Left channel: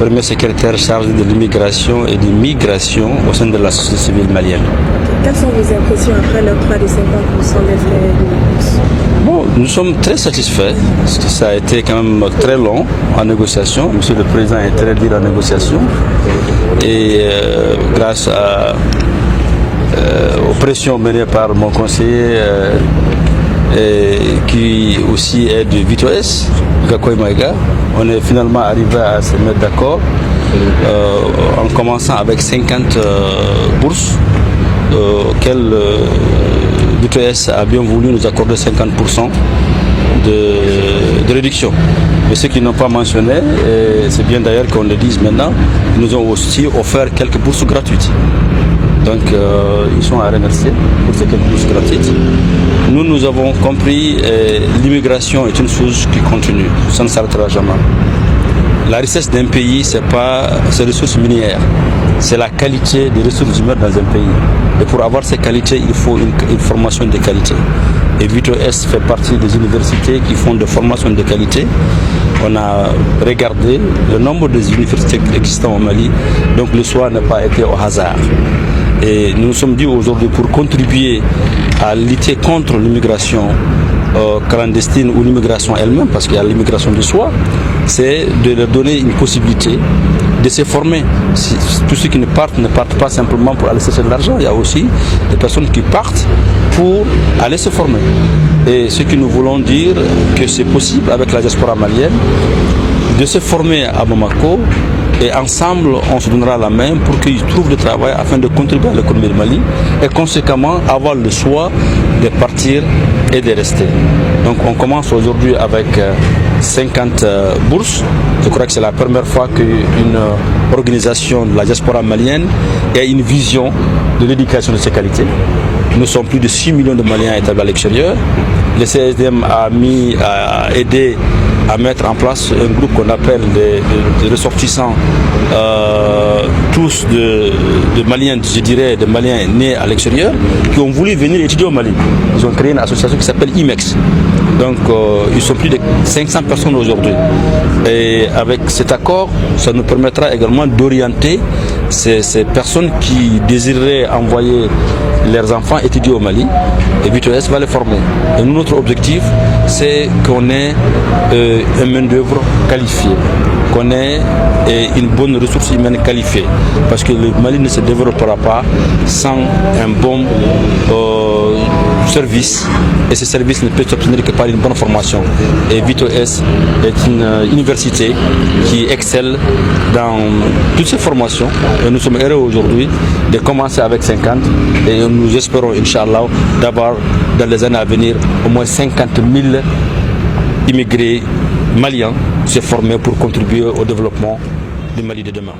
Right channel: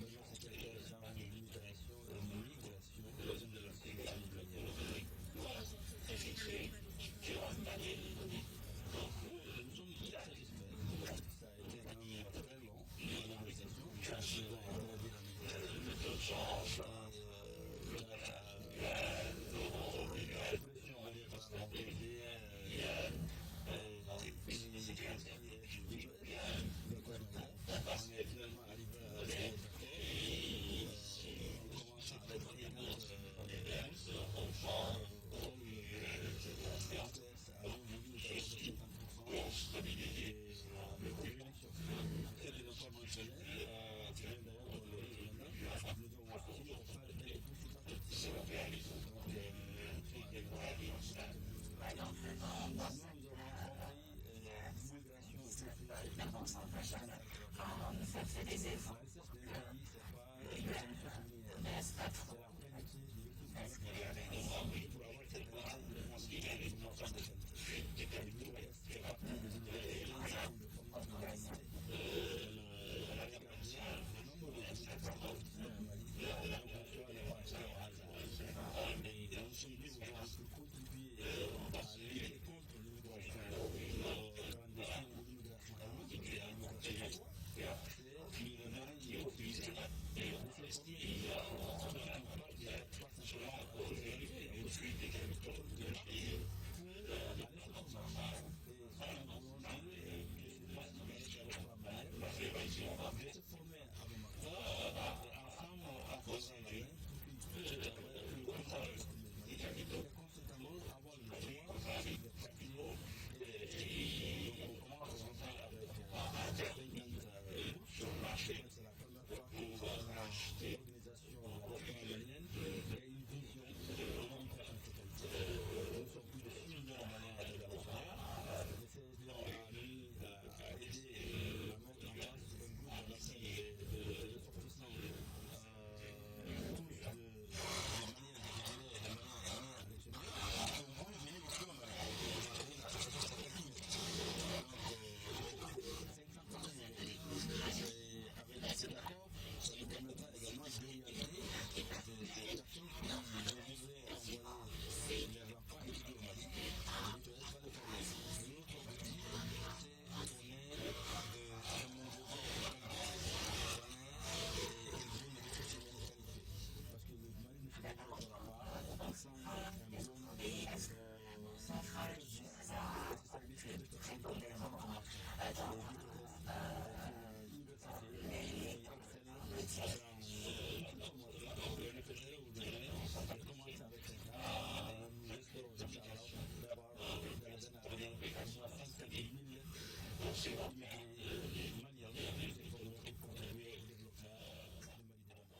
premier secrétaire chargé de l'immigration et de migration au sein de la société civile malienne. Quelles sont vos impressions après l'octroi de 50% des frais de bourse? Bon, nous sommes très satisfaits parce que ça a été quand même très long en négociation. Monsieur le Président est très dur en négociation et grâce aux pressions menées par mon conseiller qui aussi est de VITOS, Gakoy Maïga, on est finalement arrivé à se mettre d'accord en commençant avec 50 bourses auxquelles VITOS a bien voulu nous accorder 50% de réduction. Mais ceux qui n'ont pas mentionné, et c'est bien d'ailleurs qu'on le dise maintenant, ils nous ont aussi offert quelques bourses gratuites. Donc ils sont à remercier pour ces quelques bourses gratuites. Nous avons compris l'immigration est une chose qui continue, ça ne s'arrêtera jamais. La richesse d'un pays, ce n'est pas ses ressources minières, c'est la qualité des ressources humaines dans un pays. Et pour avoir ces qualités, il faut une formation de qualité. Et VITOS fait partie des universités qui font des formations de qualité. On a regardé le nombre des universités existantes au Mali, donc le choix n'a pas été au hasard. Et nous nous sommes dit aujourd'hui pour contribuer à lutter contre l'immigration clandestine ou l'immigration elle-même, parce qu'il y a l'immigration de soi, c'est de leur donner une possibilité de se former. Tous ceux qui ne partent pas simplement pour aller chercher de l'argent. Il y a aussi des personnes qui partent pour aller se former. Et ce que nous voulons dire, que c'est possible avec la diaspora malienne de se former à Bamako. Et ensemble, on se donnera la main pour qu'ils trouvent du travail afin de contribuer à l'économie du Mali et conséquemment avoir le choix de partir et de rester. Donc on commence aujourd'hui avec 50 bourses. Je crois que c'est la première fois qu'une organisation de la diaspora malienne ait une vision de l'éducation de ses qualités. Nous sommes plus de 6 millions de Maliens établis à l'extérieur. Le CSDM a aidé à mettre en place un groupe qu'on appelle des ressortissants, tous de Maliens, je dirais, de Maliens nés à l'extérieur, qui ont voulu venir étudier au Mali. Ils ont créé une association qui s'appelle IMEX. Donc ils sont plus de 500 personnes aujourd'hui. Et avec cet accord, ça nous permettra également d'orienter ces personnes qui désireraient envoyer leurs enfants étudier au Mali, et VITOS va les former. Et nous, notre objectif, c'est qu'on ait une main-d'œuvre qualifiée, qu'on ait une bonne ressource humaine qualifiée. Parce que le Mali ne se développera pas sans un bon service. Et ce service ne peut s'obtenir que par une bonne formation. Et VITOS est une université qui excelle dans toutes ces formations. Et nous sommes heureux aujourd'hui de commencer avec 50 et nous espérons, Inch'Allah, d'avoir dans les années à venir au moins 50 000 immigrés maliens se former pour contribuer au développement du Mali de demain.